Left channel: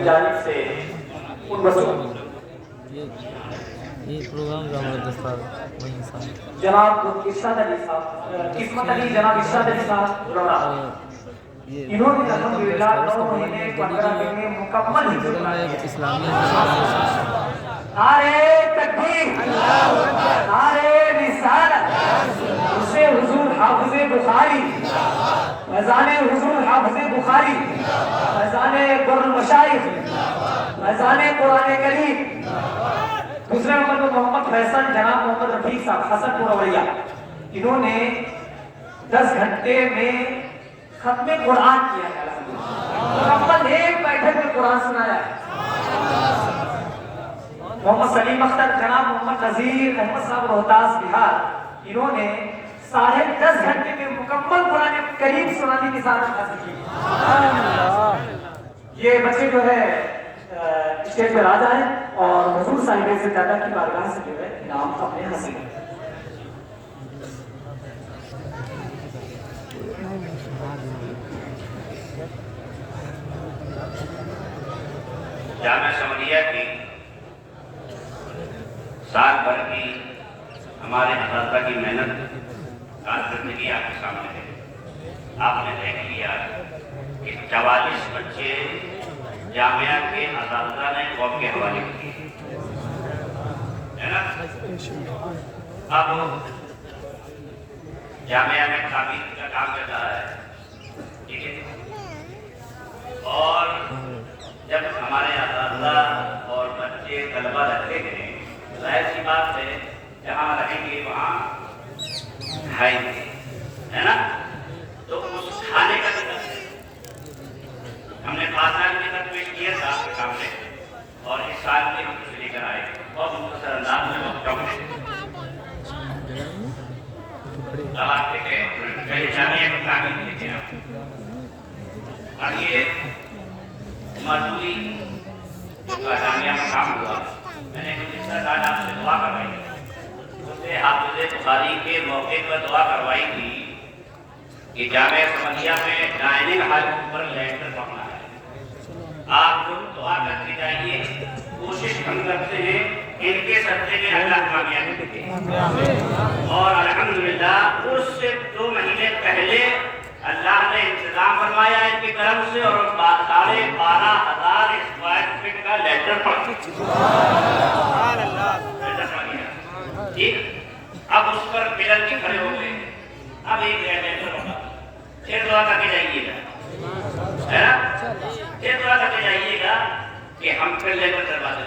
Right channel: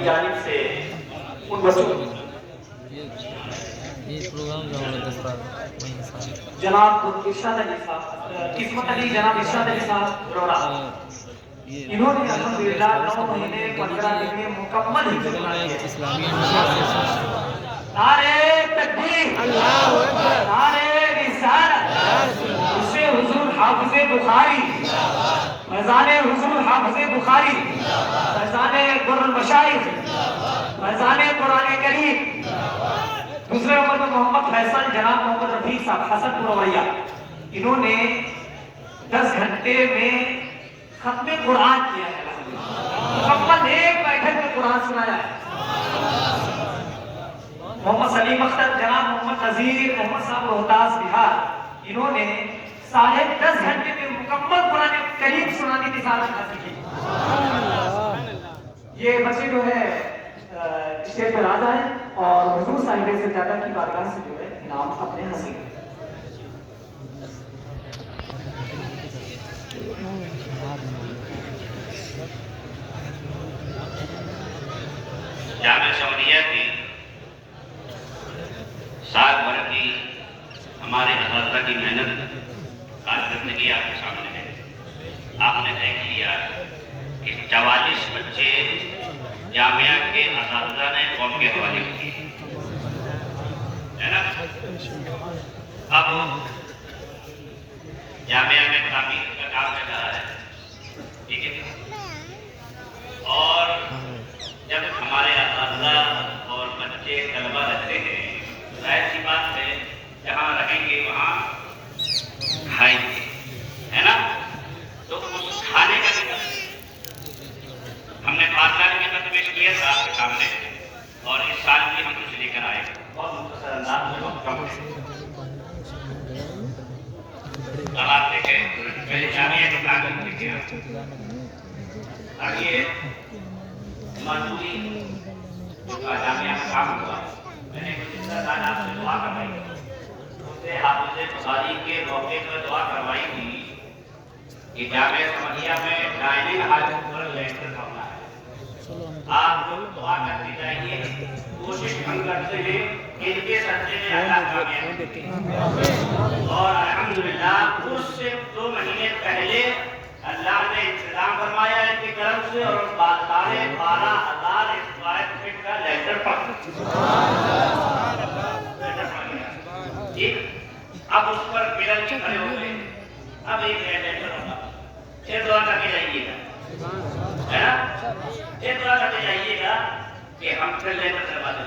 کی جانب سے ان بچوں جناب ارشاد علی صاحب، قسمت علی، جناب ارشاد علی صاحب روڑا، انہوں نے الحمدللہ 9 مہینے 15 دن میں مکمل حفظ قرآن کیا۔ نعرہ تکبیر، نعرہ رسالت، اسے حضور حافظ بخاری، فیضان حضور حافظ بخاری، فیضان در المشائخ، فیضان قرآن کریم۔ دوسرے نمبر پر محمد فیصل، جناب محمد رفیق صاحب حسن پورویا، انہوں نے 10 گھنٹے میں ختم قرآن کیا ہے، مکمل ایک بیٹھے میں قرآن سنایا ہے۔ محمد سلیم اختر، جناب محمد نذیر احمد صاحب روہتاس بہار، انہوں نے 10.5 گھنٹے میں مکمل قرآن کریم سنانے کی سعادت حاصل کی۔ یہ بچے جو ہے اسٹیج پر آ جائیں اور حضور صاحب سے زیادہ کی بارگاہ سے جو ہے انعام اپنے حاصل کریں۔ جامعہ شمریہ کی سال بھر کی ہمارے اساتذہ کی محنت کارکردگی آپ کے سامنے ہے۔ آپ نے دیکھ لیا کہ 44 بچے جامعہ کے اساتذہ نے قوم کے حوالے کیے ہے نا۔ اب جامعہ میں تعمیر کا کام چل رہا ہے، ٹھیک ہے، اور جب ہمارے اساتذہ اور بچے طلبہ رہتے ہیں، ظاہر سی بات ہے جہاں رہیں گے وہاں کھائیں گے، ہے نا۔ تو اس کھانے کا بھی ہم نے پاسال بھی خط پیش کیا تھا آپ کے سامنے، اور اس سال بھی ہم کچھ لے کر آئے، بہت مختصر انداز میں وقت کم ہے۔ اب آپ دیکھیں پہلے جامعہ کی تعمیر لے کے اب یہ مزدوری کا جامعہ میں کام ہوا، میں نے کچھ رشتہ دار آپ سے دعا کروائی، اس سے حافظ بخاری کے موقع پر دعا کروائی تھی کہ جامعہ شمریہ میں ڈائننگ ہال پر لیٹر پڑھنا ہے۔ آپ لوگ دعا کرتے جائیے، کوشش ہم کرتے ہیں ان کے صدقے میں اللہ کامیابی دے۔ اور الحمدللہ اس سے 2 مہینے پہلے اللہ نے انتظام فرمایا ان کی طرف سے، اور 12,500 اسکوائر فٹ کا لیٹر پڑ ٹھیک۔ اب اس پر پلر بھی کھڑے ہو گئے، اب ایک لیٹر ہوگا، پھر دعا کر کے جائیے گا، ہے نا، پھر دعا کر کے جائیے گا کہ ہم پھر لیٹر کروا دیں،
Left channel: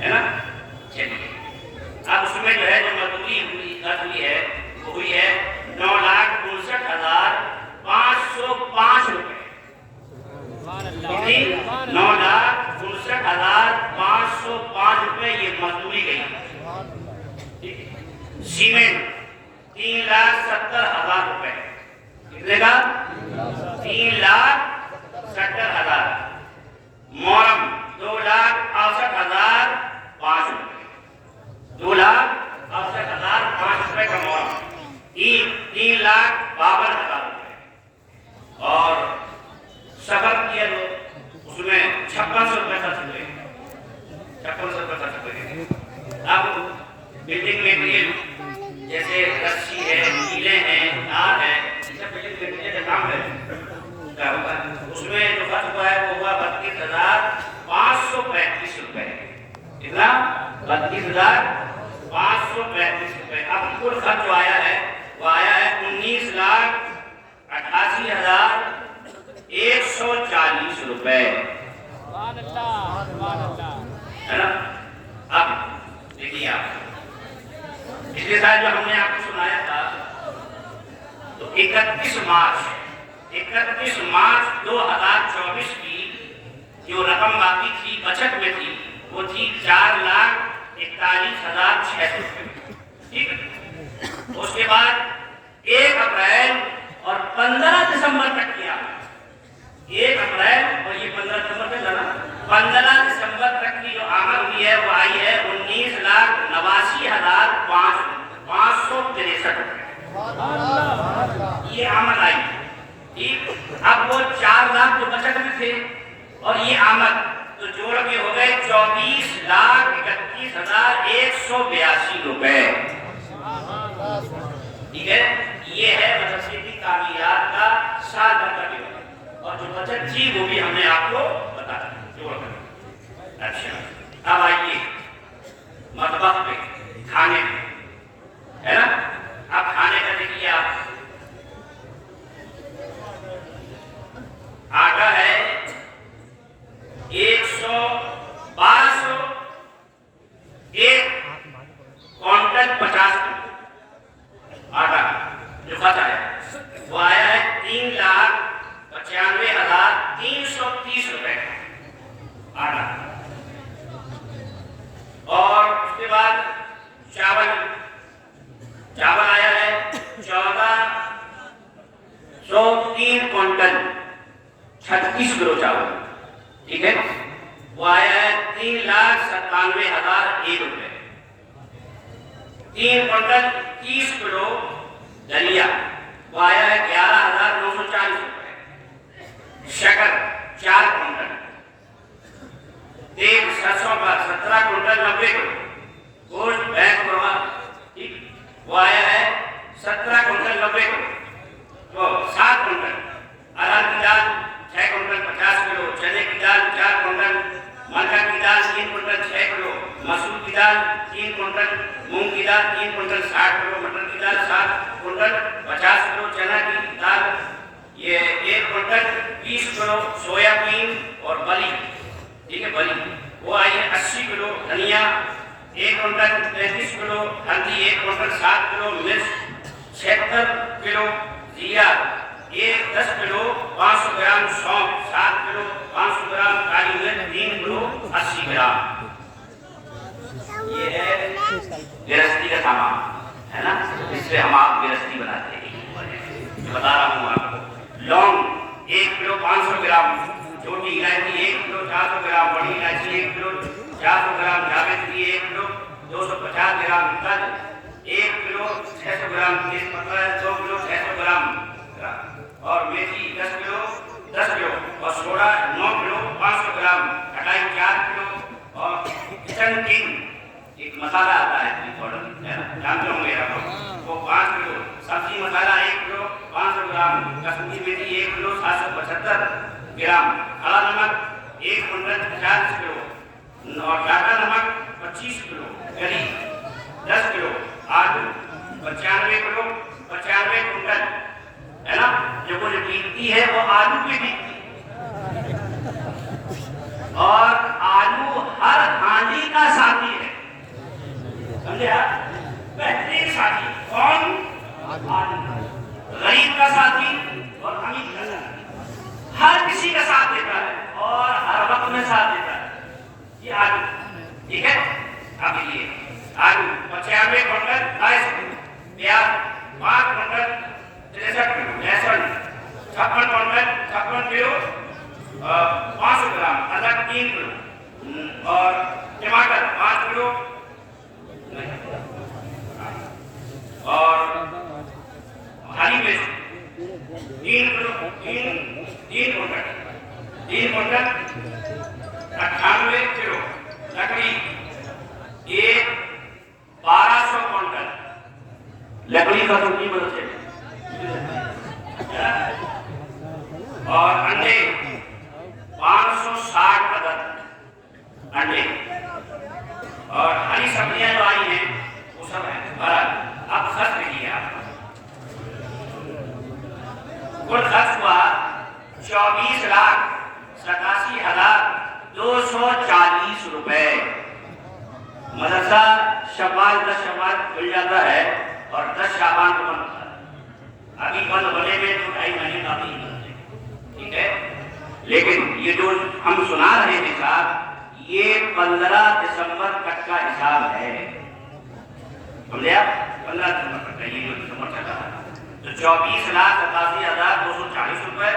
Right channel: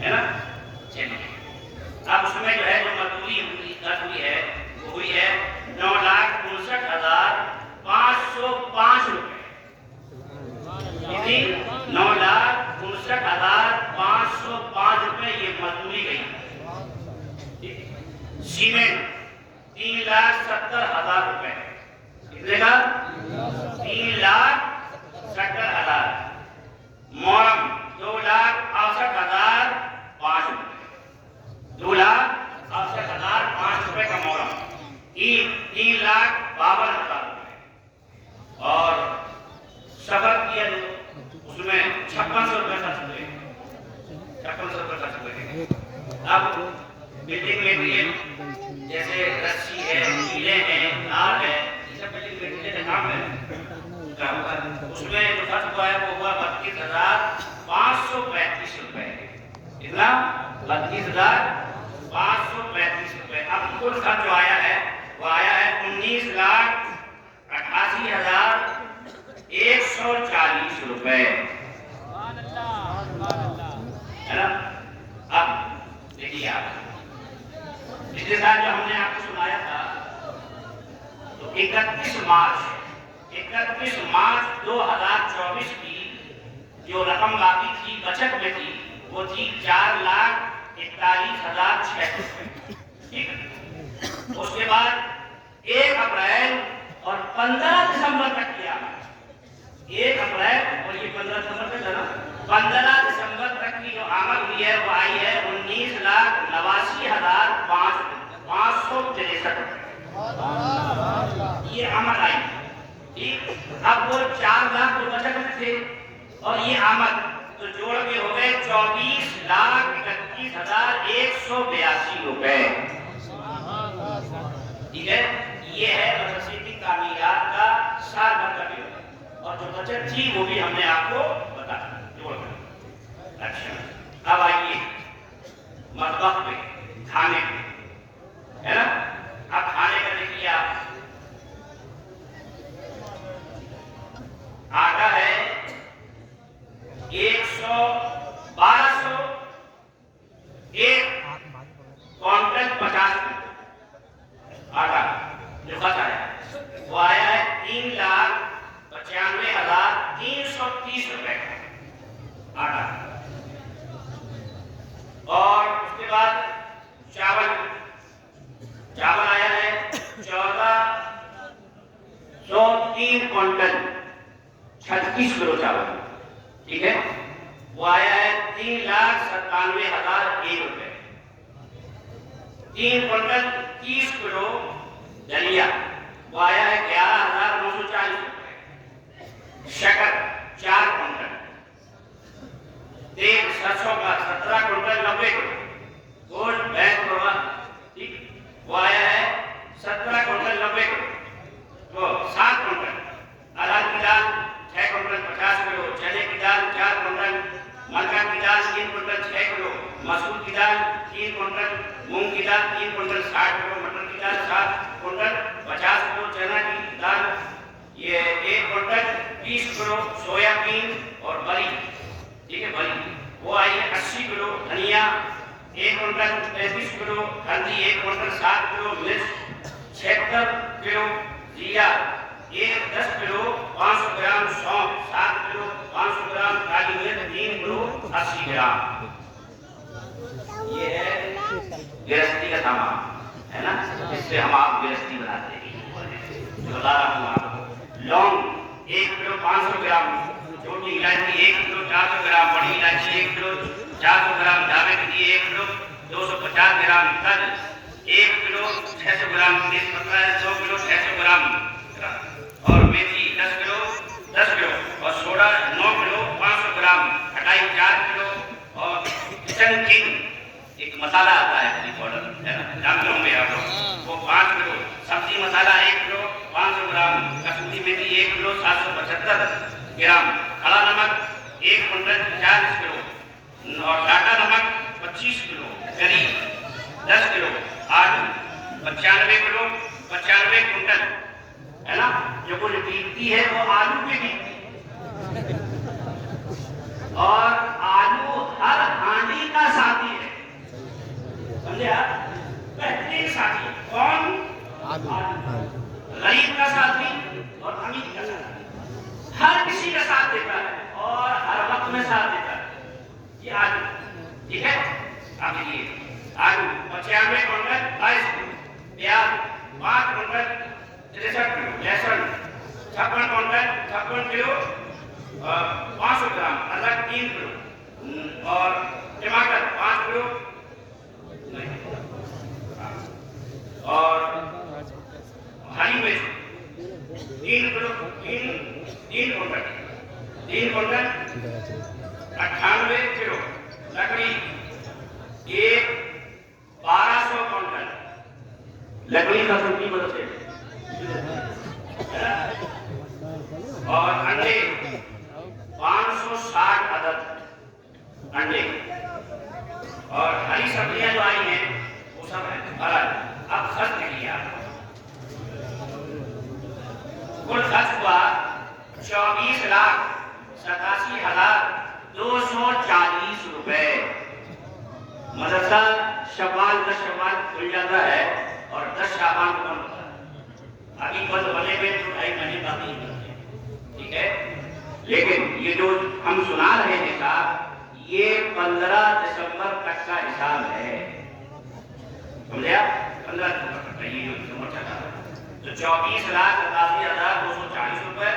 ہے نا۔ چلیے اب اس میں جو ہے جو مزدوری ہوئی ہے وہ ہوئی ہے 9,59,505 روپے، کتنی؟ 9,59,505 روپے یہ مزدوری گئی۔ سیمنٹ 3,70,000 روپے، کتنے کا؟ 3,70,000۔ مورم 2,68,005 روپے، 2,68,005 روپے کا مورم۔ اینٹ 3,52,000 روپے، اور سفر کیا جو اس میں 5600 روپے خرچ ہوئے، 5600 روپے خرچ ہوئے۔ اب بلڈنگ میٹیریل جیسے رسی ہے، کیلے ہیں، تار ہے، یہ سب بلڈنگ میٹیریل کا کام ہے، اس میں جو خرچ ہوا ہے وہ ہوا 32,535 روپے۔ کتنا؟ 32,535 روپے۔ اب کل خرچ جو آیا ہے وہ آیا ہے 19,88,140 روپے، ہے نا۔ اب دیکھیے آپ پچھلے سال جو ہم نے آپ کو سنایا تھا تو 31 مارچ 2024 کی جو رقم باقی تھی بچت میں تھی وہ تھی 4,41,600 روپے، ٹھیک ہے۔ اس کے بعد 1 اپریل اور 15 دسمبر تک کیا، 1 اپریل اور یہ 15 دسمبر تک جانا، 15 دسمبر تک کی جو آمد ہوئی ہے وہ آئی ہے 19,89,563 روپے، یہ آمد آئی، ٹھیک۔ اب وہ 4 لاکھ جو بچت میں تھے اور یہ آمد 24,31,182 روپے. ٹھیک ہے، یہ ہے مدرسے کی تعمیرات کا سال بھر کا بل. اور جو بچت تھی وہ بھی ہم نے آپ کو بتا دیا. اچھا، اب آئیے مطبخ پہ، کھانے پہ، ہے نا. اب کھانے کا دیکھیے آپ، آٹا ہے 1200، ایک کوانٹل 50 کلو آٹا جو خط آیا وہ آیا ہے 3,95,330 روپے کا آٹا. اور اس کے بعد چاول آیا ہے 1403 کوانٹل 36 کلو چاول. ٹھیک ہے، وہ آیا ہے 3,97,001 روپے. 3 کوانٹل 30 کلو دلیا وہ آیا ہے 11,940 روپے. شکر 4 کوانٹل. تیل سرسوں کا 17 کوانٹل 90 کلو. گوشت بھینس قربان وہ آیا ہے 17 کوانٹل 90 کلو. تو 7 کوانٹل. ارہر کی دال 6 کوانٹل 50 کلو. چنے کی دال 4 کوانٹل. مکا کی دال 3 کوانٹل 6 کلو. مسور کی دال 3 کوانٹل. مونگ کی دال 3 کوانٹل 60 کلو. مٹر کی دال 7 کوانٹل 50 کلو. چنا کی دال یہ 1 کوانٹل 20 کلو. سویا بین اور بری، ٹھیک ہے، بری وہ آئی ہے 80 کلو. دھنیا 1 کوانٹل 33 کلو. ہلدی 1 کوانٹل 7 کلو. مرچ 76 کلو. زیرہ 10 کلو. 500 گرام سونف 7 کلو. 500 گرام کالی مرچ 3 کلو 80 گرام. یہ ہے گرہستی کا سامان، ہے نا. اس سے ہم آپ گرہستی بناتے ہیں. بتا رہا ہوں آپ کو. لونگ 1 کلو 500 گرام. چھوٹی الائچی 1 کلو 400 گرام. بڑی الائچی 1 کلو 400 گرام. جاویتری 1 کلو 250 گرام. تل 1 کلو 600 گرام. تیز پتہ 2 کلو 600 گرام. اور میتھی 10 کلو اور سوڈا 9 کلو 500 گرام. کھٹائی 4 کلو. اور کچن کنگ ایک مسالہ آتا ہے پاؤڈر، جانتے ہوں گے آپ لوگ، وہ 5 کلو. سبزی مسالہ 1 کلو 500 گرام. کسوری میتھی 1 کلو 775 گرام. کھڑا نمک 1 کوانٹل 40 کلو. اور ٹاٹا نمک 25 کلو. گری 10 کلو. آلو 95 کلو 95 کوانٹل، ہے نا. جو کچھ بکتی ہے وہ آلو بھی بکتی ہے. اور آلو ہر ہانڈی کا ساتھی ہے، سمجھے آپ. بہترین ساتھی کون؟ آلو. غریب کا ساتھی اور امیر کا ساتھی. ہر کسی کا ساتھ دیتا ہے اور ہر وقت میں ساتھ دیتا ہے. یہ آلو، ٹھیک ہے. اب یہ آلو 95 کوانٹل 22 کلو. پیاز 5 کوانٹل 63 کلو. لہسن 56 کوانٹل 56 کلو 500 گرام. ادرک 3 کلو. اور ٹماٹر 5 کلو. اور ہری مرچ 3 کلو 3 کوانٹل 98 کلو. لکڑی 1200 کوانٹل. لکڑی کا چھوٹی بولتے. اور انڈے 560 عدد انڈے. اور ہری سبزیاں جو آئی ہیں وہ سب ہے. اب خرچ کیا کل خرچ ہوا 24,87,240 روپے. مدرسہ شوال 10 شوال کھل جاتا ہے اور 10 شعبان کو بند ہوتا ہے. ابھی بند ہونے میں تو 2.5 مہینے باقی ہے، ٹھیک ہے. لیکن یہ جو ہم سنا رہے ہیں صاحب، یہ 15 دسمبر تک کا حساب ہے. سمجھے آپ؟ 15 دسمبر تک کا یہ جو دسمبر تک کا. تو 24,87,240 روپے.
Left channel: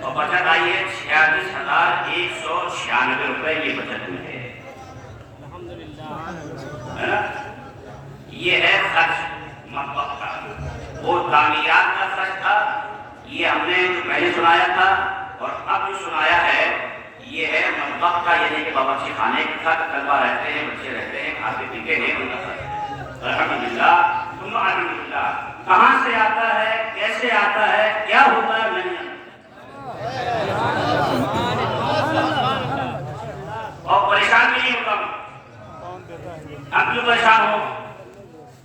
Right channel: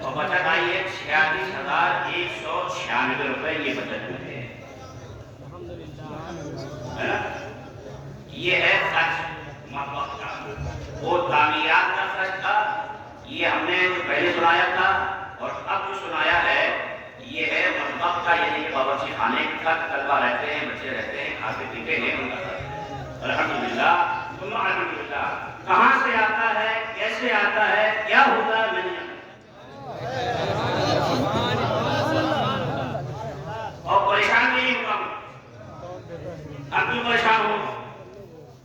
اور بچت آئی ہے 46,196 روپے. یہ بچت ہوئی ہے. یہ ہے خرچ مطبخ کا. وہ تعمیرات کا خرچ تھا. یہ ہم نے جو پہلے سنایا تھا اور اب جو سنایا ہے یہ ہے مطبخ کا، یعنی کہ باورچی خانے کا طلبہ رہتے ہیں، بچے رہتے ہیں، کھاتے پیتے ہیں ان کا خرچ۔ الحمدللہ ثم الحمدللہ۔ کہاں سے آتا ہے، کیسے آتا ہے، کیا ہوتا ہے، میں نہیں جانتا۔ اور پریشان نہیں ہوتا ہوں۔ ہم کیوں پریشان ہو؟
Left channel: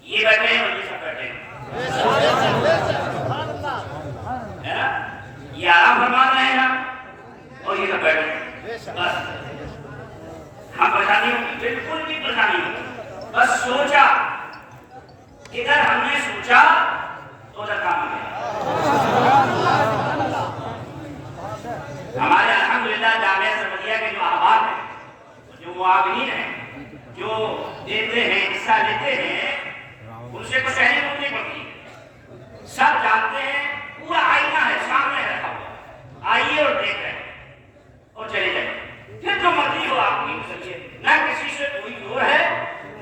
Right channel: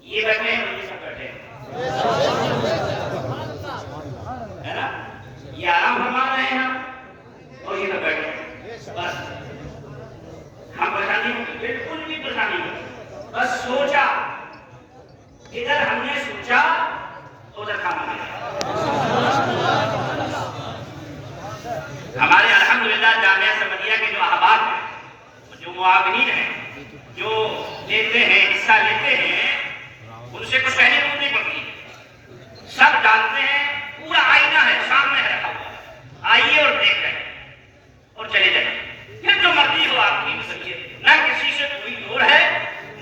یہ بیٹھے ہیں اور یہ سب بیٹھے ہیں، ہے نا؟ یہ آرام فرما رہے ہیں اور یہ سب بیٹھے ہیں، بس ہم پریشانی ہوں، بالکل بھی پریشانی ہوں۔ بس سوچا، ادھر ہم نے سوچا ادھر کام آ گیا۔ ہمارے الحمدللہ جامعہ سمدیہ کے جو احباب ہیں، جو معاونین ہیں، جو دیتے ہیں، حصہ لیتے ہیں، ان سے کچھ کہنے کو نہیں پڑتی، سب جانتے ہیں، پورا آئینہ ہے سامنے رکھا ہوا، آئیے اور دیکھ رہے اور چلے جائیں، پھر جو مرضی ہو آپ کی مسئلہ، نہ کسی سے کوئی جوڑ ہے،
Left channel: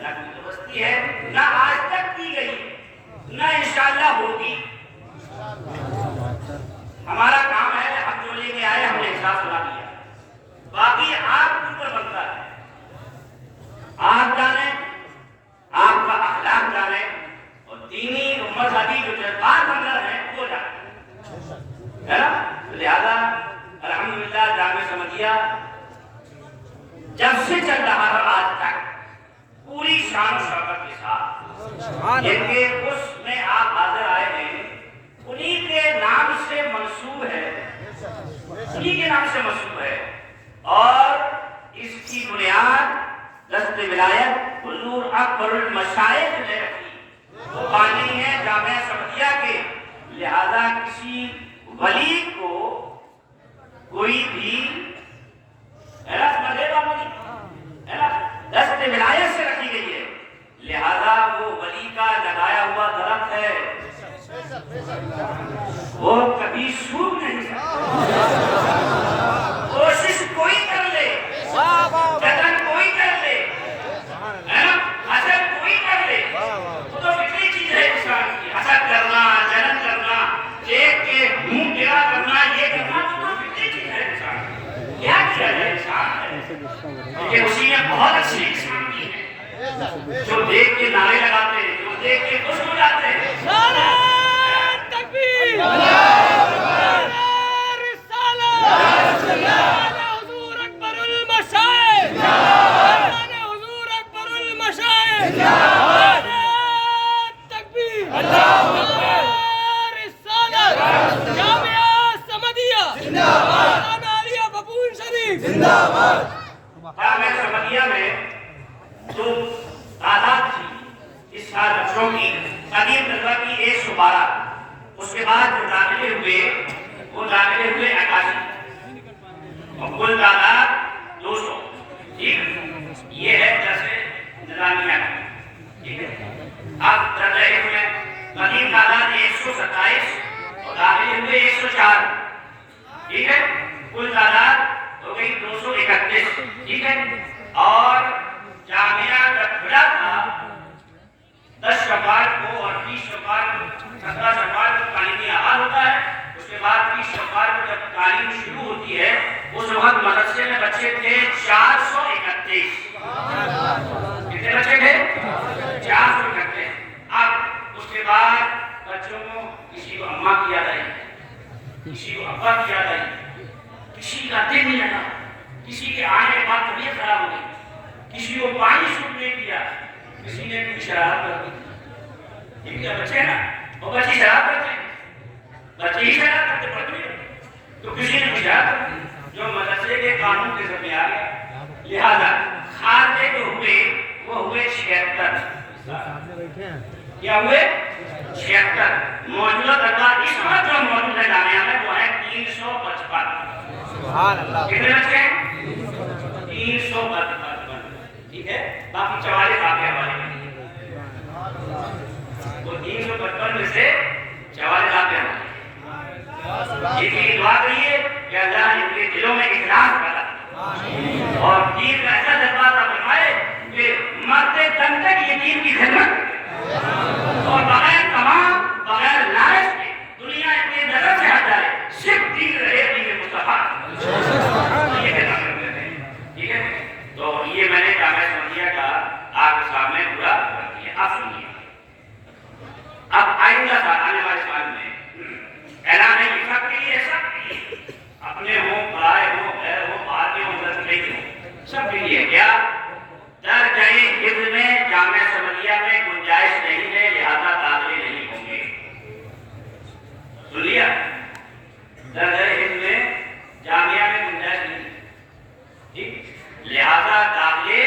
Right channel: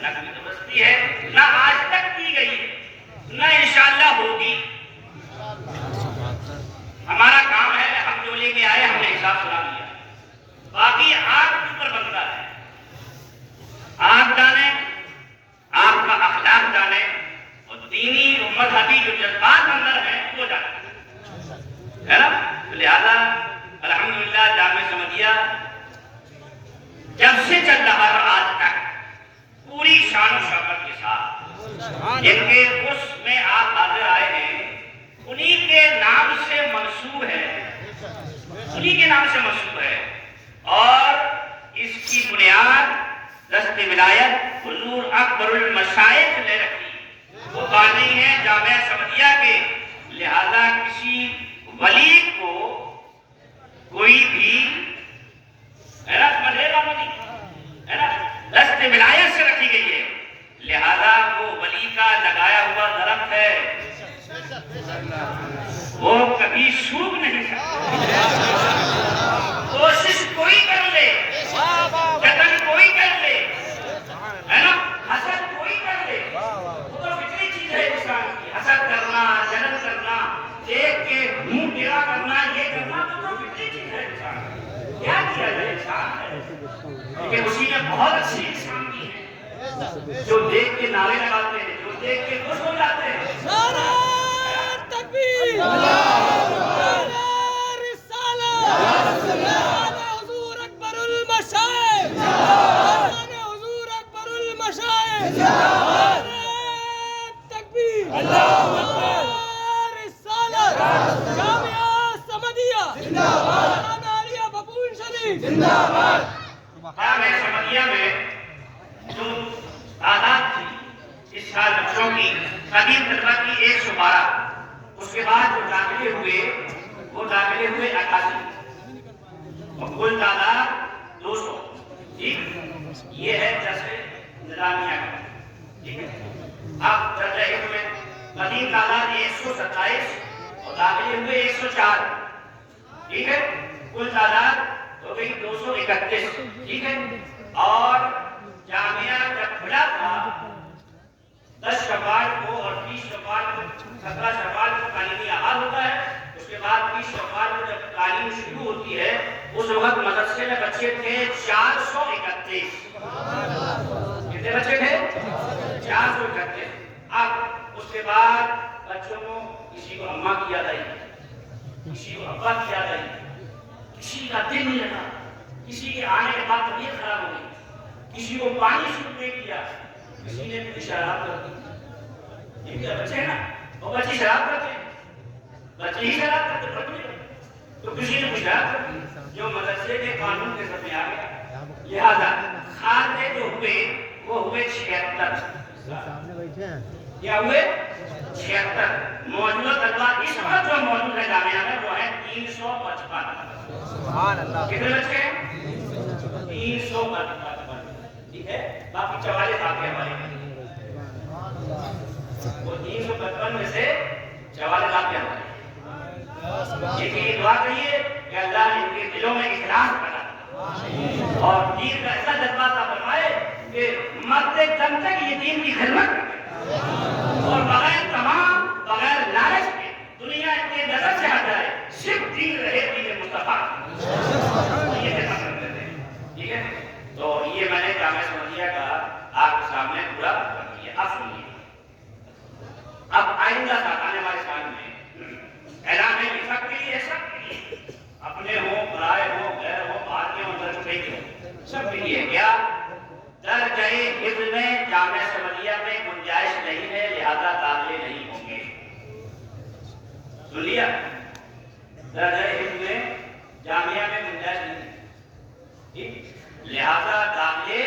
نہ کوئی دوستی ہے، نہ آج تک کی گئی ہے، نہ انشاءاللہ ہوگی۔ ہمارا کام ہے، ہم جو لے کے آئے ہم نے حساب سنا دیا، باقی آپ کے اوپر بنتا ہے، آپ جانے، آپ کا اخلاق جانے اور دینی و مذہبی جو جذبات اندر ہیں وہ جانے، ہے نا؟ لہذا الحمدللہ جامعہ سمدیہ جب سے چل رہا ہے آج تک پوری شان و شوکت کے ساتھ، جن کے اس میں آپ حاضر آئے ہیں انہی کے نام سے منسوب ہے، انہی کے نام سے منسوب ہے، اور اس کی بنیاد دست ولایت حضور اکبر المشائخ نے رکھی، وہ بانی ہیں جامعہ سمدیہ کے، لہذا کسی ولی کو کوئی بھی، ہے نا، سمجھے گا نہیں، ہے نا، دست ولایت سے رکھی گئی ہے، لہذا وہ ولی کا لگایا ہوا درخت ہے، وہ کبھی سوکھ نہیں سکتا، کوشش کوئی کر لے، جتن کوئی کر لے، ہے نا، حسد کوئی کر لے، وہ تو فطری چیز ہے انسان کی، حسد کرنا، جلن کرنا، دیکھ کے منہ ٹیڑھا کرنا، یہ کرنا، وہ تو فطری چیز ہے انسان کی، کیا کیا جائے، انسان ہے، لیکن اسی نے بہت اچھی انسان کی ہے، جو دیکھ کے نعرے لگاتے ہیں، جو دیکھ کے خوش ہو جاتے ہیں۔ جامعہ سمدیہ میں جو تعداد تھی اس سال بچوں کی قدیم طلبہ کی 112، اس کے بعد جو داخلے ہوئے وہ داخلے ہوئے 81، اور کل تعداد 200، ٹھیک ہے، یہ ہے درس نظامیہ، ٹھیک ہے۔ اب درجہ علم میں قدیم تعداد 127 اور داخلے ہوئے 104، ٹھیک ہے، کل تعداد ہو گئی 231، ٹھیک ہے، اور جامعہ جب کھلا تھا 10 شوال کو اور 20 شوال کو، 17 شوال کو تعلیمی آغاز ہوتا ہے، اس کے بعد 20 شوال کو جب تعلیم شروع ہوتی ہے، اس وقت مدرسے میں بچے تھے 431، کتنے بچے تھے؟ 431۔ اب اس کے بعد بچوں کو کسی کو اماں کی یاد آئی، کسی کو ابا کی یاد آئی، کسی کا دل نہیں لگا، کسی کے آنے کے بعد طبیعت خراب ہو گئی، کسی کو پانی شروع نہیں کیا، کسی نے کوئی شراب کر دی، یہ کیا بچے ہیں نا، وہ بچے شراب کرتے ہیں، بچے ہی شراب کرتے پڑھتے، تو کسی نے کوئی شراب کر دی جو مدرسے کے قانون کے ذمہ آ گیا، لہذا کھاتے جو ہوئے وہ ہوئے 76، کیا ہوئے 76۔ موجودہ طلبہ اس وقت جو موجود ہے جامعہ میں وہ ہے 355، کتنے بچے ہیں؟ 355، ٹھیک ہے، باقی 44 آپ کے حوالے میں، وہ 355 میں سے 44 آپ کے حوالے، یہ دعا کریے کہ اللہ ان کے دلوں میں اخلاص پیدا کرے اور دین کا ایسا جذبہ عطا فرمائے کہ مرتے دم تک یہ دین کی خدمت اور بغیر تمام بغیر لالچ کے دنیا کے نظر سے ہٹ جائے، صرف دین رہے، دین مصطفیٰ، یہ ہے. آپ سنیے, اب آئندہ آنے والے سال میں اعلان ہے نفاق کے لیے ایسا اپنے ہو, برائے ہو, غیر ہو, باہر کے ہو, اندر کے ہو, سب کے لیے کیا درجۂ حفظ میں جامعہ سمریہ میں گنجائش نہیں ہے, لہذا داخلے نہیں ہوں گے. سن لیا, درجۂ حفظ میں جامعہ میں گنجائش نہیں, ٹھیک, لہذا داخلے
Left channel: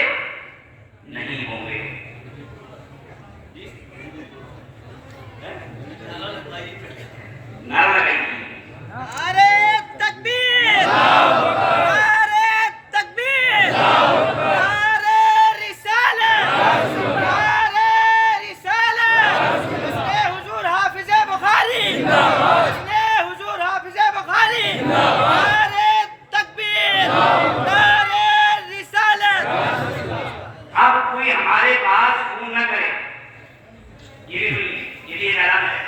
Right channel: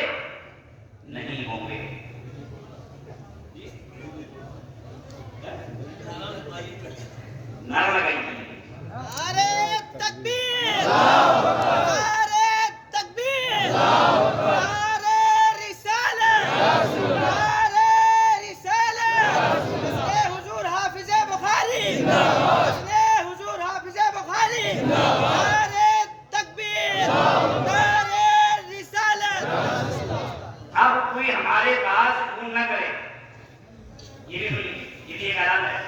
نہیں ہوں گے. نعرہ لگائیے. نعرے تکبیر، نعرے تکبیر، نعرے رسالت، نعرے رسالت. حسن حضور حافظ بخاری، حسن حضور حافظ بخاری. نعرے تکبیر، نعرے رسالت. اب کوئی ہمارے پاس فون نہ کرے, یہ اعلان ہے,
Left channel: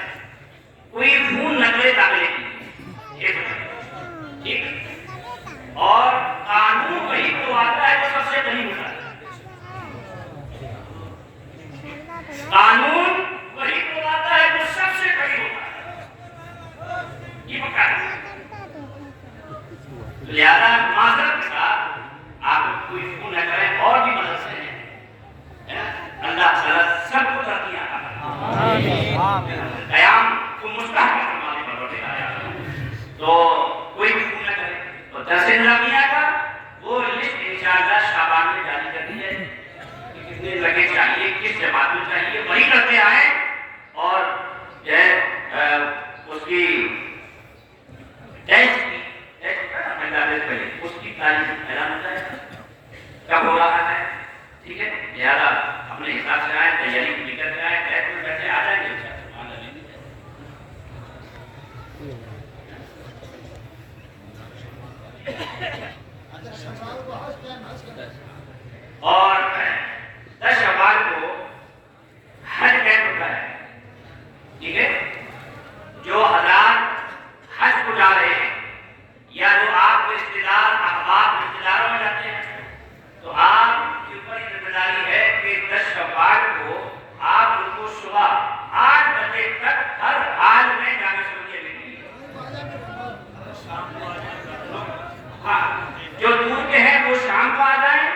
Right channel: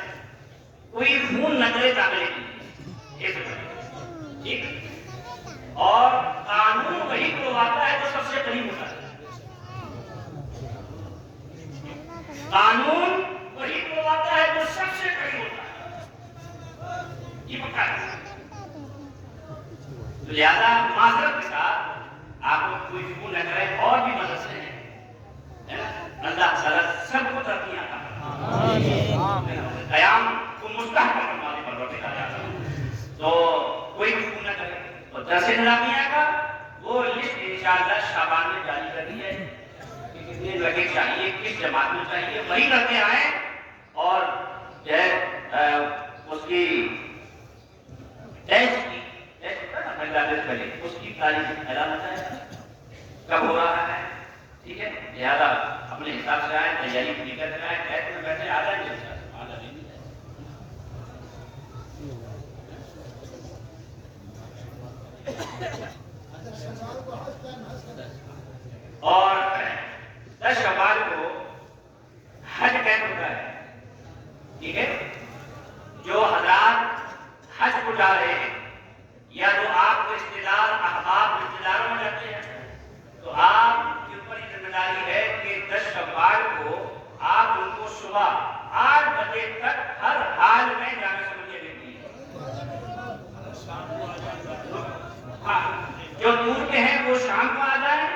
کوئی فون نہ کرے داخلے کی, ٹھیک, اور قانون وہی تو آتا ہے وہ سب سے قریب ہوتا ہے. قانون وہی تو آتا ہے وہ سب سے قریب ہوتا ہے, یہ پکا ہے. لہذا معذرت کے ساتھ آپ کوئی فون نہ کریں, اور بھی مدد سے ہے نا, اللہ تعالیٰ سب کو ترقی عطا کرے, قیام کو مستحکم فرمانے پر روٹے آیا. تو کوئی بھی فون نہ کرے. تو درس نظامیہ کا وہ لسٹ انشاءاللہ شعبان میں جاری کر دی ہے کہ کتنے لگے چاہیے, کس جماعت میں چاہیے, وہی کرتے آئیں. اور اس کی ٹیسٹ اس کی تعلیم اعلان ہوتا ہے کب ہو رہا ہے, ٹھیک ہے. لہٰذا اپنے حساب سے آئیں, تیاری پوری کر کے آئیں, بیٹھ میں بیٹھے آ جائیں گے. اور 10 شوال کو حج کیمپ ہوتا ہے, ٹھیک ہے. جو حضرات حج کو جا رہے ہیں یا جو آپ کو رشتے دار احباب رشتے داروں میں جاتے ہیں, تو آپ کے اوپر یہ ذمہ داری ہے کہ 10 شوال کو آپ ان کو صبح 8 بجے تک ہر حال میں جامعہ سمریہ لے لیجیے. ہاں, جو دور کے ہیں وہ شام کو آ جائیں,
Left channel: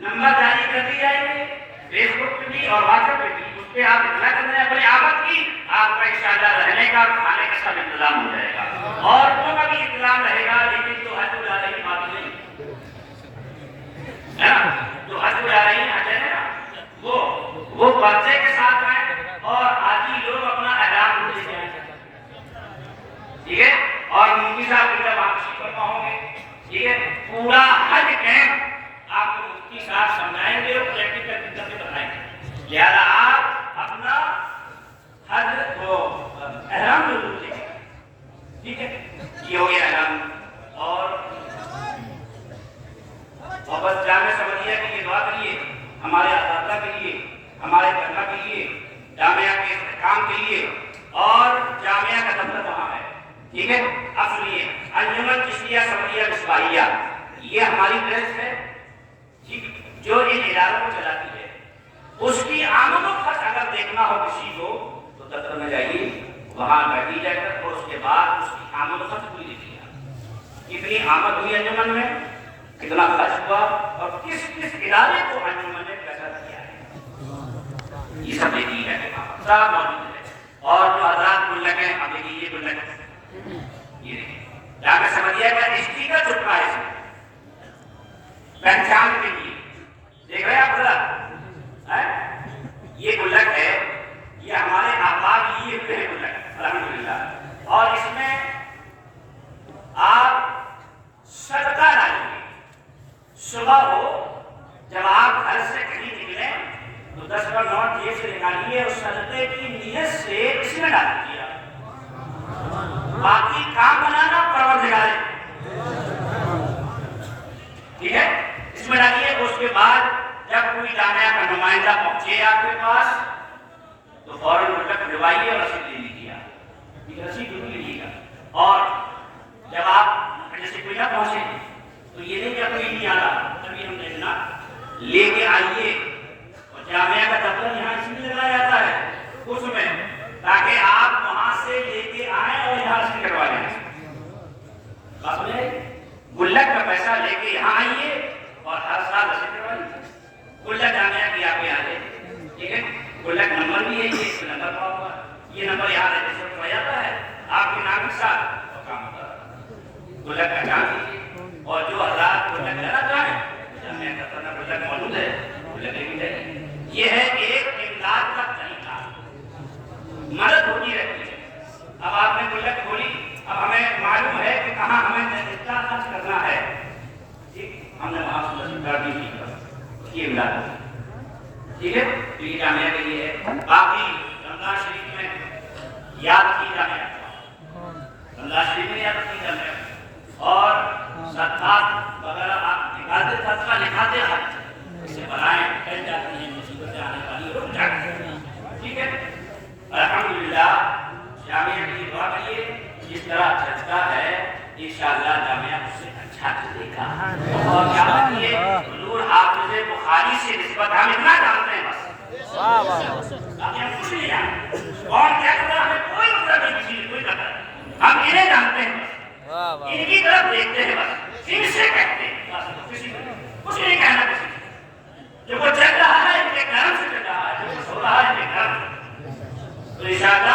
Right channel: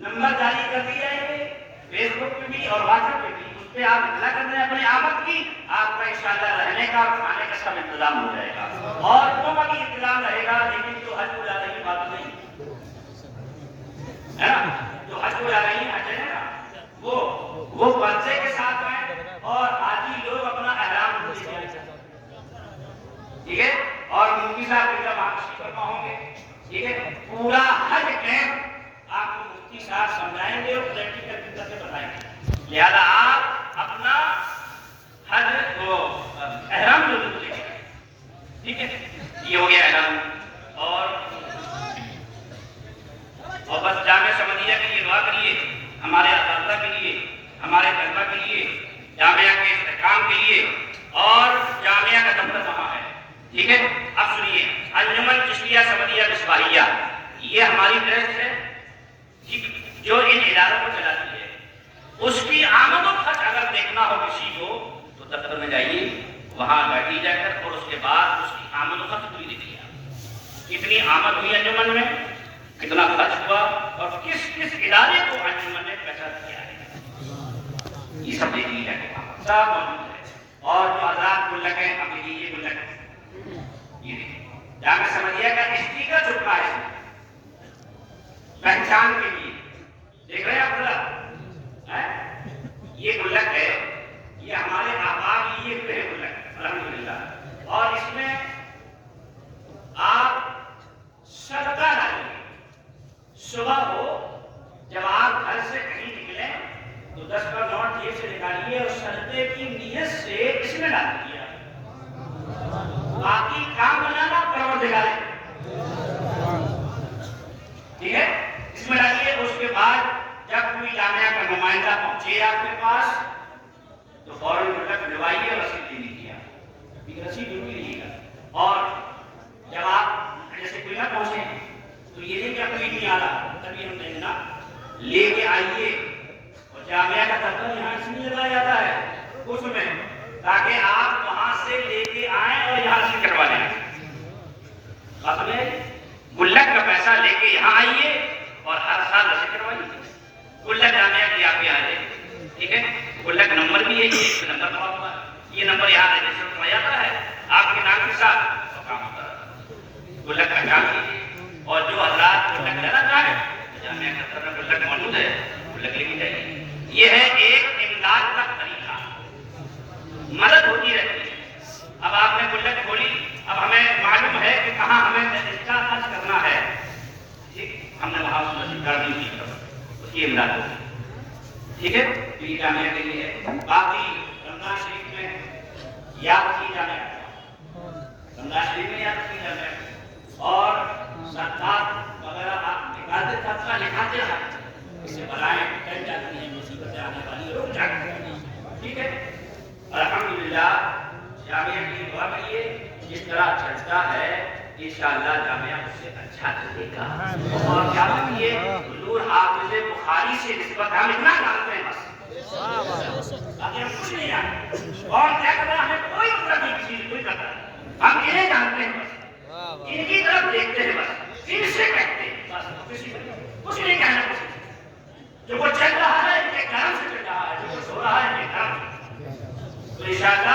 نمبر جاری کر دی جائے گی فیس بک پہ بھی اور واٹس ایپ پہ بھی, اس پہ آپ اطلاع کر دیں اپنی آمد کی. آپ کا انشاءاللہ رہنے کا, کھانے کا سب انتظام ہو جائے گا, اور ان کا بھی انتظام رہے گا. لیکن جو حج کو جا رہی بات نہیں ہے نا, جو حج کو جا رہی ہیں حج ہے نا, وہ بچے کے ساتھ آئیں اور آدھی لوگ اپنا احرام لے جائیں, ٹھیک ہے. اور مفتی صاحب بھی جب آپ فرما ہوں گے, ٹھیک ہے. پورا حج کیمپ آپ کو مفتی صاحب سمجھائیں گے اور پریکٹیکل کر کے بتائیں گے. لہذا آپ اپنا حج کو احرام ضرور لیں, ٹھیک ہے. یہ ہو گیا احرام. اور بس جامعہ سمریہ کے لیے دعا کریے, ہمارے اساتذہ کے لیے, ہمارے طلبہ کے لیے, جامعہ کے استحکام کے لیے. اور جامعہ کا دفتر وہاں ہے, ٹھیک ہے. اب سنیے, انجمن چشتیہ سمریہ مصباحیہ یہ ہماری ٹرسٹ ہے, ٹھیک, جو ان اداروں کو چلاتی ہے. اس کی آمد و خرچ اگر دیکھنا ہو کسی کو تو دفتر میں جائیے, وہاں بیٹھی جا کر, اور اس کے بعد اس کی آمد و خرچ پوری دیکھیے. کتنی آمد ہوئی انجمن میں, کتنا خرچ ہوا, اور کس کس ادارے کو انجمن نے پیسہ دیا ہے, یہ سب دیکھیے گا کہ سب موجود ہے. اور جو حضرات گلک ہیں, اب دیکھیے یہ گلک, یہ دیکھیں جامعہ سمریہ کا اسٹیکر چپکا ہے پہچان کے لیے, دیکھ رہے ہیں آپ ذرا, یہ گلک ہے, یہ ہمارے احباب لیے ہوئے ہیں گلک الحمدللہ. اور اس میں آپ صدقہ ڈالیں گے. صبح کو جب آپ گھر سے کہیں نکلیں تو 10 کا نوٹ جیب سے نکالیے اور صدقے کی نیت سے اس میں ڈال دیجیے. باقی کام بنانا پروردگار ہے, ٹھیک ہے. اس میں ڈالیے. اس کے بعد جب کوئی جامعہ کا نمائندہ پہنچے آپ کے پاس تو فوراً گلک دلوائیے اور رسید دے دیجیے. آپ رسید ضرور لیجیے گا. اور جب آپ جیسے کوئی نہ پہنچے تو یہ نہیں کہ کوئی نہیں آ رہا, تبھی ہم دینا لے کے آئیے. اور جامعہ کا دفتر یہاں اس یہ ہے ایک امداد کا طریقہ، مدد ہوتی رہتی ہے۔ اب آپ نے گلک کھولی، اب ہمیں معلوم ہے کہ کہاں ہمیں اتنا خرچ کرنا ہے، ہم نے وہاں کر دی تھی، اس کی امداد ہوگی، ٹھیک ہے؟ تو یہ کامیابی یہ ہے۔ باقی رمضان شریف میں یاد کی جانے رمضان شریف میں یاد کی جانے اور صدقات وغیرہ آپ عبادت صدقہ لکھاتے ہیں، اس سے بلائیں ٹل جاتی ہیں، مصیبتیں آنے والی رک جاتی ہیں، ٹھیک ہے؟ الحمدللہ جامعہ کی دعا کریے، جس طرح چلتا ہے انشاءاللہ جامعہ اس سے اچھا چلے گا۔ اور کیا کریے، حضور حافظ بخاری سے نسبت ہم اتنا جانتے ہیں بس، باقی ہم کچھ نہیں جانتے۔ کون کیا کر رہا ہے ہمیں کوئی پتہ نہیں، چیز کوئی پتہ نہیں، ہم انہیں جانتے ہیں بس، ان کی طرف دیکھتے ہیں بس، ان سے کہتے ہیں بس، کسی کو کچھ نہیں کہنا کسی کو۔ جو وہ چل رہا ہے ان کے کرم سے چل رہا ہے، جو کچھ ہو رہا ہے ان کے کرم سے۔ تو انشاءاللہ